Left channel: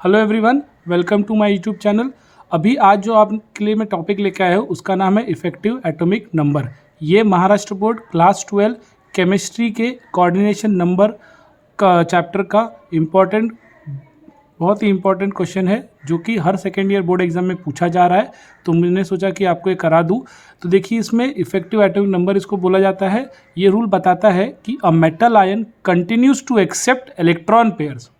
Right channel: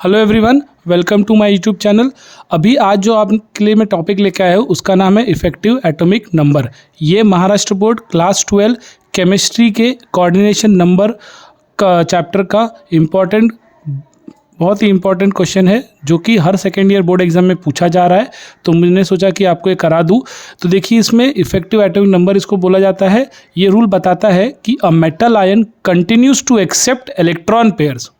Hello everyone, welcome to my YouTube channel. अभी आज जो आपके लिए मैं टॉपिक लेकर आया हूँ उसका नाम है इफ़ेक्टिव एटॉमिक नंबर। ये महाराष्ट्र बोर्ड क्लास 12 केमिस्ट्री के कोऑर्डिनेशन नंबर का चैप्टर का बहुत ही इम्पॉर्टेंट क्वेश्चन है जो कि हर सेकेंड ईयर बोर्ड एग्जाम में पूछा जा रहा है। तो मैंने सोचा कि आपको ये करा दूँ। तो देखिए, इसमें इफ़ेक्टिव एटॉमिक नंबर इसको बोला जाता है। ये रूल बताता है कि a metal ion continues to accept electron pairs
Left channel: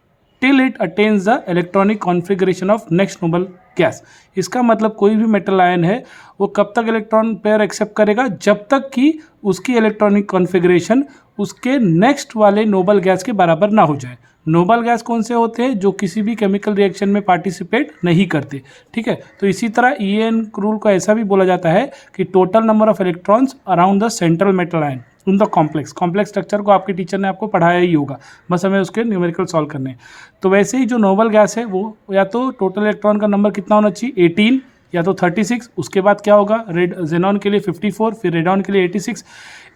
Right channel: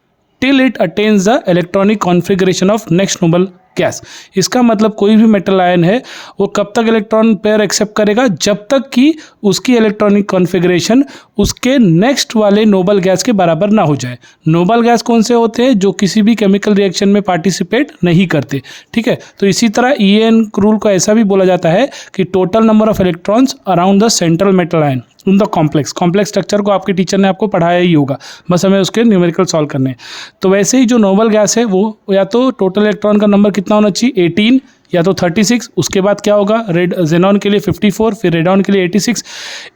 till it attains the electronic configuration of next noble gas. इसका मतलब कोई भी मेटल आयन है वो कब तक इलेक्ट्रॉन पेयर एक्सेप्ट करेगा, जब तक कि उसकी इलेक्ट्रॉनिक कॉन्फ़िगरेशन उसके नेक्स्ट वाले नोबल गैस के बराबर ना हो जाए। नोबल गैस कौन से होते हैं? जो किसी भी केमिकल रिएक्शन में पार्टिसिपेट नहीं करते। ठीक है, तो इसी तरह EN रूल को ऐसा भी बोला जाता है कि total number of electrons around the central metal ion in the complex structure को आपके टीचर ने आपको पढ़ाया ही होगा, बस हमें उसके न्यूमेरिकल सॉल्व करने हैं। तो वैसे ही जो नोबल गैस है वो या तो टोटल इलेक्ट्रॉन का नंबर कितना होना चाहिए 18 या तो 36। उसके बाद क्या होगा, जेनॉन के लिए 54, फिर रेडॉन के लिए 86।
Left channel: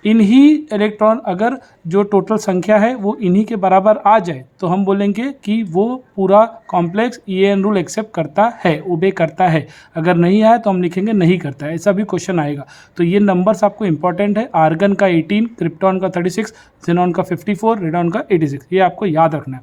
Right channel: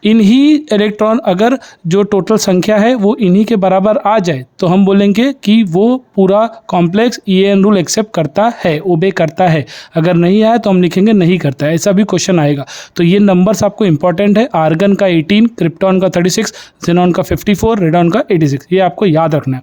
इन्हीं इलेक्ट्रॉन अगर जो टोटल संख्या है वो इन्हीं के बराबर आ जाए तो हम बोलेंगे कि वो पूरा कॉम्प्लेक्स EN रूल एक्सेप्ट करता है, ओबे करता है। अगर नहीं आया तो हम लिखेंगे नहीं करता है। ऐसा भी क्वेश्चन आएगा। तो ये नंबर्स आपको इंपॉर्टेंट है। आर्गन का 18, क्रिप्टॉन का 36, जेनॉन का 54, रेडॉन का 86। ये आपको याद रखना है।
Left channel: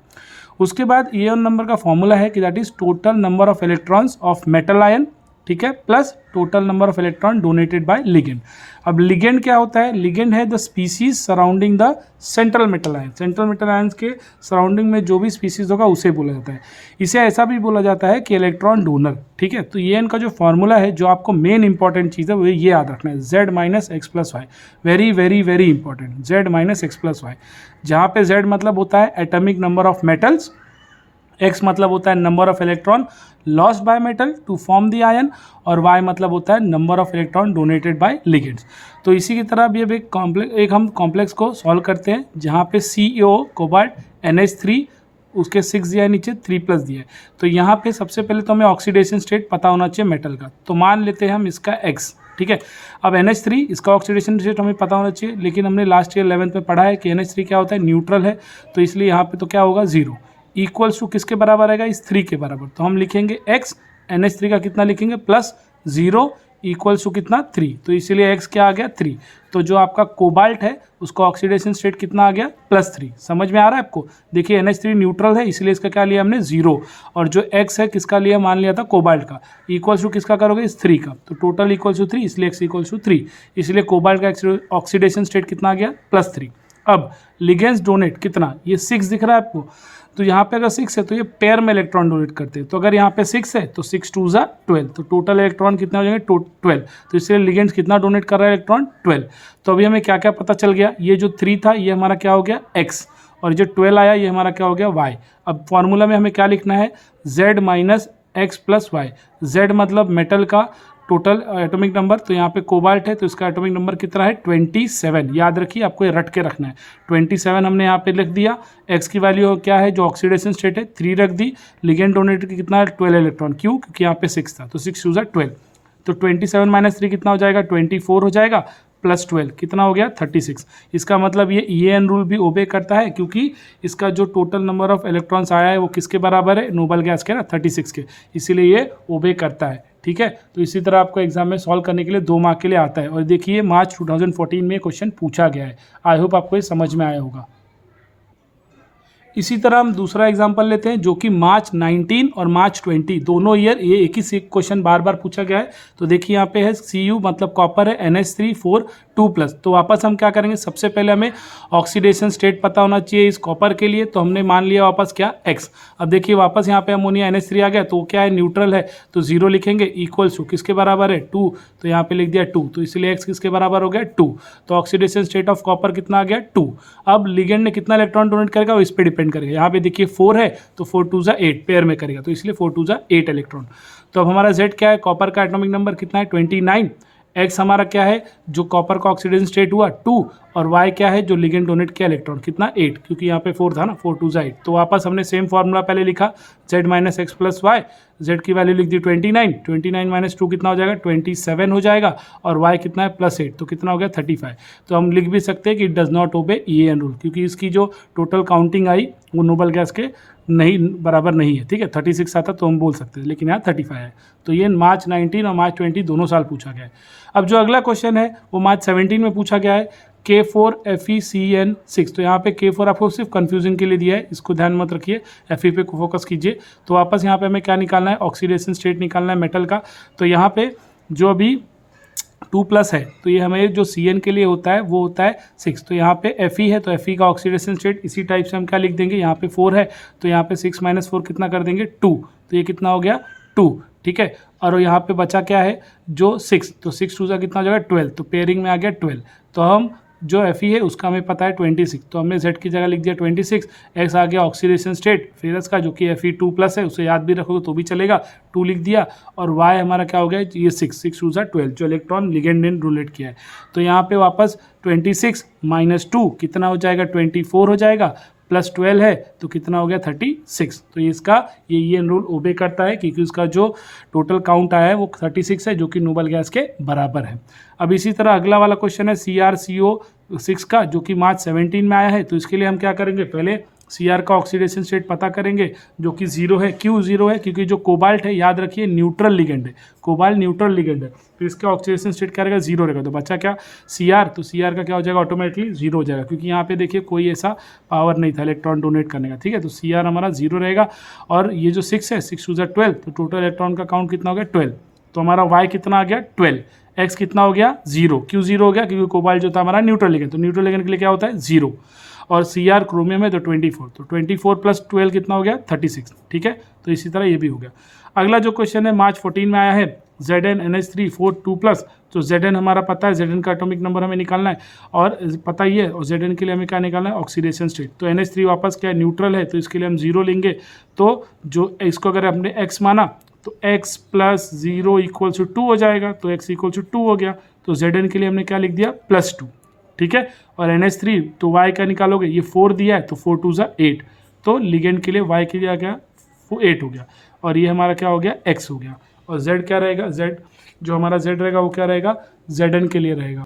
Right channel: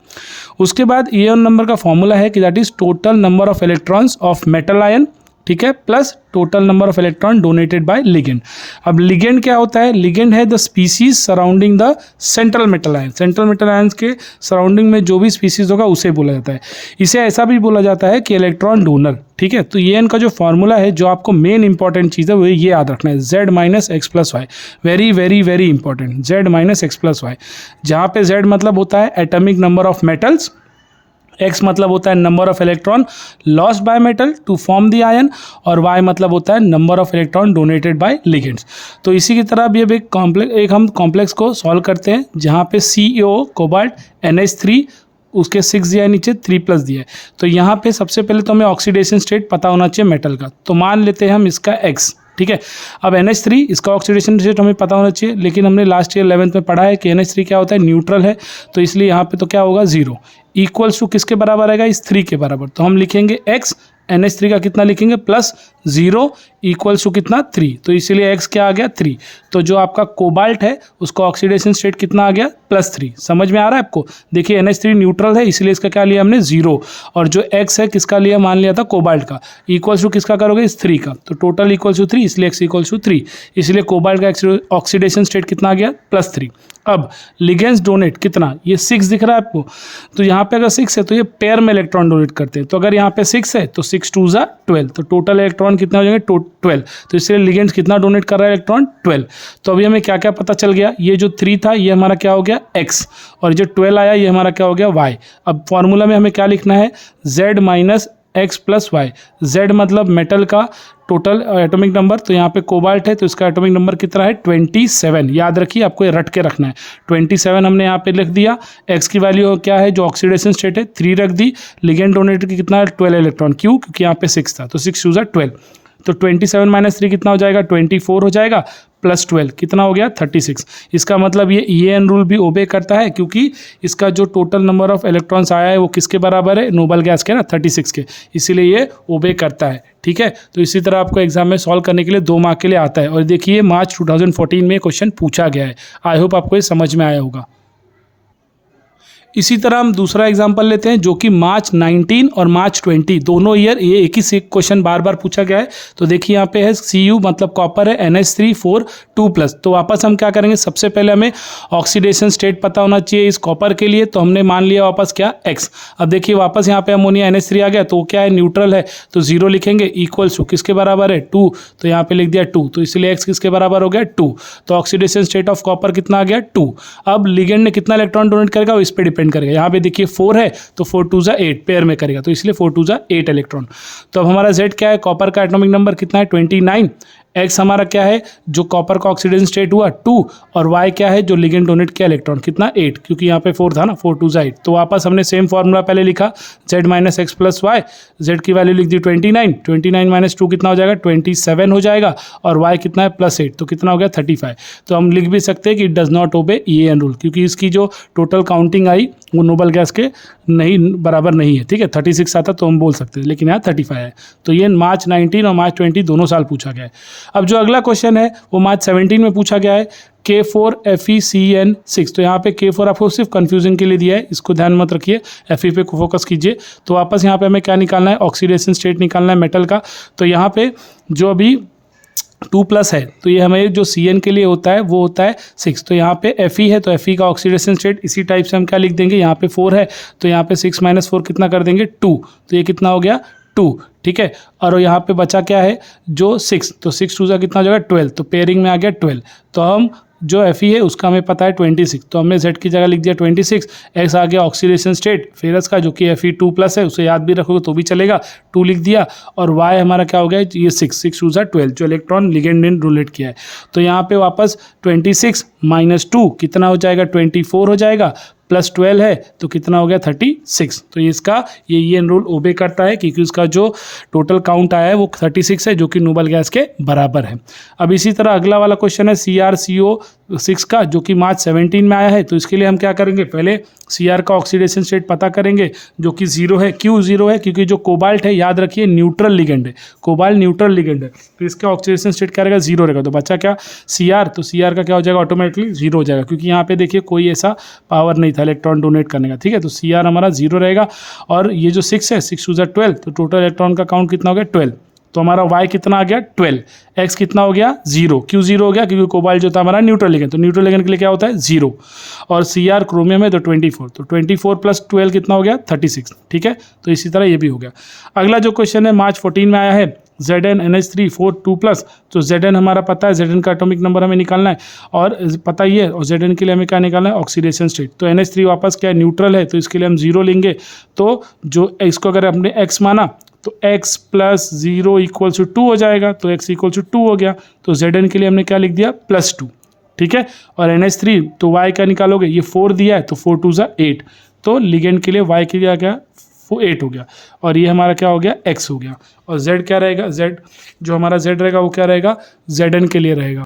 उसके बाद EN नंबर का फॉर्मूला है कि that is total number of electrons of metal ion, ठीक है, plus total number of electron donated bye ligand. अब लिगेंड क्या होता है? लिगेंड है the species surrounding the central metal ion. Central metal ions के सराउंडिंग में जो भी स्पीसीज होगा उसे बोला जाता है। इसे ऐसा भी बोला जाता है कि इलेक्ट्रॉन डोनर। ठीक है, तो ये इनका जो फॉर्मूला है, जो आपको मेन इंपॉर्टेंट चीज़ है वो ये याद रखना है, Z - X + Y। Very very very important, Z - X + Y। जहाँ पे Z मतलब होता है atomic number of metals, X मतलब होता है number of electron lost by metal to form the ion, और Y मतलब होता है number of electron donated by ligands. तो इसी की तरह भी अब हम कॉम्प्लेक्स को सॉल्व करते हैं जहाँ पे CO कोबाल्ट NH3 उसके 6 दिया है, नीचे 3+ दिया है। तो यहाँ पे सबसे पहले तो हमें ऑक्सीडेशन स्टेट पता होना चाहिए मेटल का। तो मान लेते हैं हम इसका X। ठीक है, अब NH3 इसका ऑक्सीडेशन स्टेट हमें पता होना चाहिए, लेकिन हमने लास्ट ईयर 11th में पढ़ा है कि NH3 क्या होता है, न्यूट्रल है। तो इसलिए यहाँ पे तो क्या होगा 0 इक्वल्स टू किसके बराबर आएगा, इस 3 के बराबर। तो हम लिखेंगे X, NH3 का कितना लिखेंगे +0 इक्वल्स टू कितना 3। तो इसीलिए X क्या आ गया 3। तो जो आपका कोबाल्ट है उसका ऑक्सीडेशन स्टेट कितना आ गया +3। समझ में आ रहा है आपको? देखिए NH3 न्यूट्रल है, इसलिए इसका क्या लिया हमने 0, और जो X है किसका लिया, मान लिया था कोबाल्ट का, इक्वल्स टू किसका करोगे, इस 3 का। तो टोटल इक्वल्स टू 3, इसलिए X इक्वल्स टू 3। इसलिए कोबाल्ट का ऑक्सीडेशन स्टेट कितना आ गया +3। अब लिगेंड्स डोनेट कितना, ये 6 दिख रहा है आपको। तो यहाँ पे अगर 6 है तो ये पेयर में इलेक्ट्रॉन डोनेट करते हैं। तो अगर यहाँ पे 6 है तो 6 2 = 12। तो टोटल इलेक्ट्रॉन कितना हो जाएंगे 12। तो इसलिए लिगेंड्स कितना डोनेट कर रहा है, इलेक्ट्रॉन 12। तो अभी हमें क्या क्या पता चल गया, ये जो 3 था ये हमारा क्या हो गया X, और जो 12 आया ये हमारा क्या हो गया Y। अब फॉर्मूला में हमें क्या लिखना है, Z - X + Y। Z मतलब मेटल का टोटल एटॉमिक नंबर, तो यहाँ पे कोबाल्ट है तो इसका एटॉमिक नंबर कितना है 27। याद रखिए, आपको ये रट के रखना है। 27 हमने यहाँ पे लिख दिया। X की वैल्यू क्या है, जो ऑक्सीडेशन स्टेट है 3 रख दी। लिगेंड डोनेटेड की कितना है 12 इलेक्ट्रॉन, क्यों, क्योंकि यहाँ पे 6 था। तो 6 2 = 12। तो 27 - 3 कितना हो जाएगा, 24 हो जाएगा, +12 कितना हो गया 36। इसका मतलब ये EN रूल भी ओबे करता है, क्योंकि इसका जो टोटल नंबर ऑफ इलेक्ट्रॉन्स आया है वो किसके बराबर है, नोबल गैस के ना, 36 के। इसीलिए ये ओबे करता है। ठीक है, तो इसी तरह आपको एग्जाम में सॉल्व करने के लिए 2 मार्क के लिए आता है। और देखिए मार्च 2014 में क्वेश्चन पूछा गया है। आई होप आपको ये समझ में आया होगा। इसी तरह हम दूसरा एग्जाम्पल लेते हैं जो कि मार्च 19 और मार्च 20 दोनों ईयर ये एक ही क्वेश्चन बार बार पूछा गया है। तो देखिए यहाँ पे है Cu मतलब कॉपर है, NH3 4 2+। तो वापस हम क्या करेंगे, सबसे पहले हमें ऑक्सीडेशन स्टेट पता होना चाहिए इस कॉपर के लिए। तो हमने मान लिया वापस क्या X। अब देखिए वापस यहाँ पे अमोनिया NH3 आ गया, तो क्या है न्यूट्रल है, तो 0 लिखेंगे, इक्वल्स टू किसके बराबर है 2। तो यहाँ पे लिख दिया 2, तो इसलिए X किसके बराबर हो गया 2। तो ऑक्सीडेशन स्टेट ऑफ कॉपर कितना आ गया 2। अब लिगेंड ने कितना इलेक्ट्रॉन डोनेट करेगा वो इस पर डिपेंड करेगा। यहाँ पे देखिए 4 है तो 4 2 = 8 पेयर में करेगा, तो इसलिए 4 2 = 8 इलेक्ट्रॉन। तो अब हमारा Z क्या है, कॉपर का एटॉमिक नंबर कितना है 29, एक्स हमारा क्या है, जो कॉपर का ऑक्सीडेशन स्टेट हुआ 2, और वाई क्या है, जो लिगेंड डोनेट किया इलेक्ट्रॉन, कितना 8, क्योंकि यहाँ पे 4 था ना, 4 2 8। तो वापस हमने सेम फार्मूला पहले लिखा, z minus x plus y, z की वैल्यू लिख दी 29, 29 माइनस 2 कितना हो जाएगा 27 हो जाएगा, और y कितना है +8, तो कितना हो गया 35। तो हम लिख भी सकते हैं कि it does not obey EAN rule, क्योंकि इसकी जो टोटल काउंटिंग आई वो नोबल गैस के नहीं बराबर नहीं है, ठीक है। 36 आता तो हम बोल सकते हैं, लेकिन यहाँ 35 है। तो ये मार्च 19 और मार्च 20 दोनों साल पूछा गया है। अब जो अगला क्वेश्चन है वो मार्च 17 में पूछा गया है, K4FeCN6। तो यहाँ पे K4 आपको सिर्फ कंफ्यूजन के लिए दिया है, इसको ध्यान मत रखिए, Fe पे फोकस कीजिए। तो वापस यहाँ पे हमें क्या निकालना है, ऑक्सीडेशन स्टेट निकालना है मेटल का। तो यहाँ पे जो अभी 2+ है, तो ये हमें जो CN के लिए होता है वो होता है 6। तो यहाँ पे Fe है, तो Fe का ऑक्सीडेशन स्टेट इसी टाइप से हम क्या लिख देंगे, यहाँ पे 4 है तो यहाँ पे 6 - 4 कितना कर देंगे 2, तो ये कितना हो गया 2, ठीक है। और यहाँ पे बचा क्या है, जो 6, तो 6 2 कितना हो जाएगा 12, तो पेयरिंग में आ गया 12। तो हम जो Fe है उसका हमें पता है 26, तो हमने Z की जगह लिख दिया 26, X आ गया ऑक्सीडेशन स्टेट फेरस का, जो कि Fe2+ है, उसे याद भी रखोगे तो भी चलेगा, 2 लिख दिया। और Y हमारा क्या हो गया, ये 6 6 2 12, जो इलेक्ट्रॉन लिगेंड ने रिलेट किया है। तो यहाँ पे वापस 26 - 2 कितना हो जाएगा 24 हो जाएगा, +12 है तो कितना हो गया 36। तो इसका ये EN रूल ओबे करता है, क्योंकि उसका जो टोटल काउंट आया है वो 36 है, जो कि नोबल गैस के बराबर है। अब इसी तरह अगला वाला क्वेश्चन है CrCO6 का, जो कि मार्च 17 में आया है। तो इसके लिए हम क्या करेंगे, पहले Cr का ऑक्सीडेशन स्टेट पता करेंगे, जो कि 0 है। क्यों 0 है, क्योंकि जो कोबाल्ट है याद रखिए न्यूट्रल लिगेंड है, कोबाल्ट न्यूट्रल लिगेंड है, तो इसका ऑक्सीडेशन स्टेट क्या रहेगा 0 रहेगा। तो बच्चा क्या Cr, तो Cr का क्या हो जाएगा ऑटोमेटिकली 0 हो जाएगा, क्योंकि यहाँ पे देखिए कोई ऐसा पावर नहीं था इलेक्ट्रॉन डोनेट करने का, ठीक है। तो Cr हमारा 0 रहेगा। और ये जो 6 है 6 2 12, तो टोटल इलेक्ट्रॉन का काउंट कितना हो गया 12। तो हमारा y कितना आ गया 12, x कितना हो गया 0। क्यों 0 हो गया, क्योंकि कोबाल्ट जो था हमारा न्यूट्रल लिगेंड, तो न्यूट्रल लिगेंड के लिए क्या होता है 0। और Cr क्रोमियम है तो 24, तो 24 + 12 कितना हो गया 36, ठीक है। तो इसी तरह ये भी हो गया। अगला जो क्वेश्चन है मार्च 14 में आया है, ZnNH3 4 2+। तो Zn हमारा पता है, Zn का एटॉमिक नंबर हमें निकालना है और पता ही है, और Zn के लिए हमें क्या निकालना है ऑक्सीडेशन स्टेट। तो NH3 वापस क्या है न्यूट्रल है, तो इसके लिए हम 0 लेंगे। तो जो इसको अगर हमने x माना तो x + 0 = 2 हो जाएगा, तो x = 2 हो गया। तो Zn के लिए हमने क्या लिख दिया +2, ठीक है। और NH3 तो y का निकालोगे, ये 4 दिया है तो 4 2 8, तो लिगेंड के लिए y के लिए आ गया 8 हो गया, और ये हमारा क्या हो गया x हो गया। और z क्या रहेगा, z जो हमारा z रहेगा वो क्या रहेगा Zn के लिए रहेगा।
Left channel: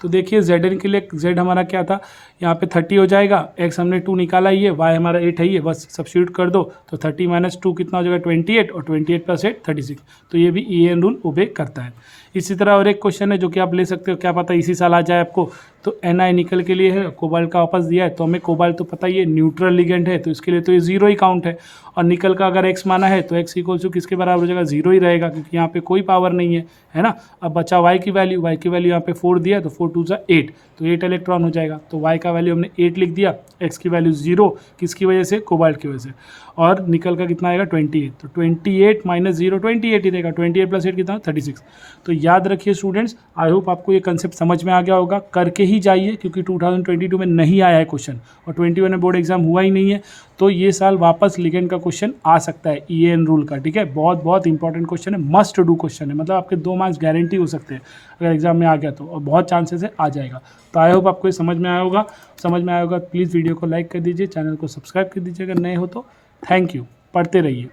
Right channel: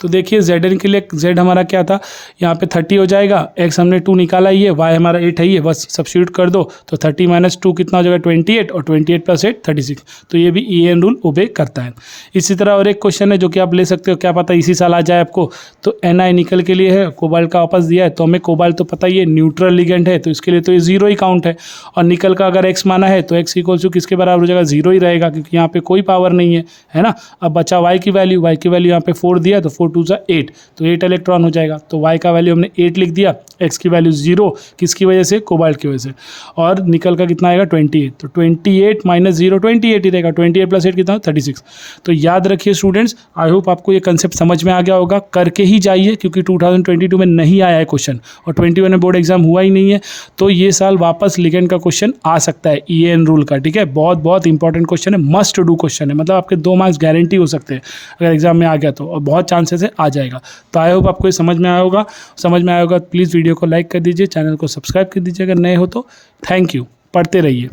तो देखिए Zn के लिए z हमारा क्या था, यहाँ पे 30 हो जाएगा, x हमने 2 निकाला ही है, y हमारा 8 है, ये बस सब्स्टिट्यूट कर दो, तो 30 - 2 कितना हो जाएगा 28, और 28 + 8 36। तो ये भी EN रूल ओबे करता है। इसी तरह और एक क्वेश्चन है जो कि आप ले सकते हो, क्या पता इसी साल आ जाए आपको। तो Na निकल के लिए है, कोबाल्ट का वापस दिया है, तो हमें कोबाल्ट तो पता ही है न्यूट्रल लिगेंड है, तो इसके लिए तो ये 0 ही काउंट है। और निकल का अगर x माना है तो x = किसके बराबर हो जाएगा 0 ही रहेगा, क्योंकि यहाँ पे कोई पावर नहीं है ना। अब बचा y की वैल्यू यहाँ पे 4 दिया, तो 4 2 8, तो 8 इलेक्ट्रॉन हो जाएगा। तो y का वैल्यू हमने 8 लिख दिया, x की वैल्यू 0, किसकी वजह से कोबाल्ट की वजह से। और निकल का कितना आएगा 28, तो 28 - 0 28 ही रहेगा, 28 + 8 कितना 36। तो याद रखिए स्टूडेंट्स, आई होप आपको ये कंसेप्ट समझ में आ गया होगा, करके ही जाइए, क्योंकि 2022 में नहीं आया है क्वेश्चन, और 21 में बोर्ड एग्जाम हुआ ही नहीं है। तो ये साल वापस लिगेंड का क्वेश्चन आ सकता है EN रूल का, ठीक है। बहुत बहुत इंपॉर्टेंट क्वेश्चन है, मस्ट डू क्वेश्चन है, मतलब आपके 2 मार्क्स गारंटी हो सकते हैं अगर एग्जाम में आ गया तो, और बहुत चांसेस है आ जाएगा। तो आई होप आपको ये समझ में आया होगा। प्लीज़ वीडियो को लाइक कर दीजिए, चैनल को सब्सक्राइब कर दीजिए अगर नए हो तो। थैंक यू, पढ़ते रहिए।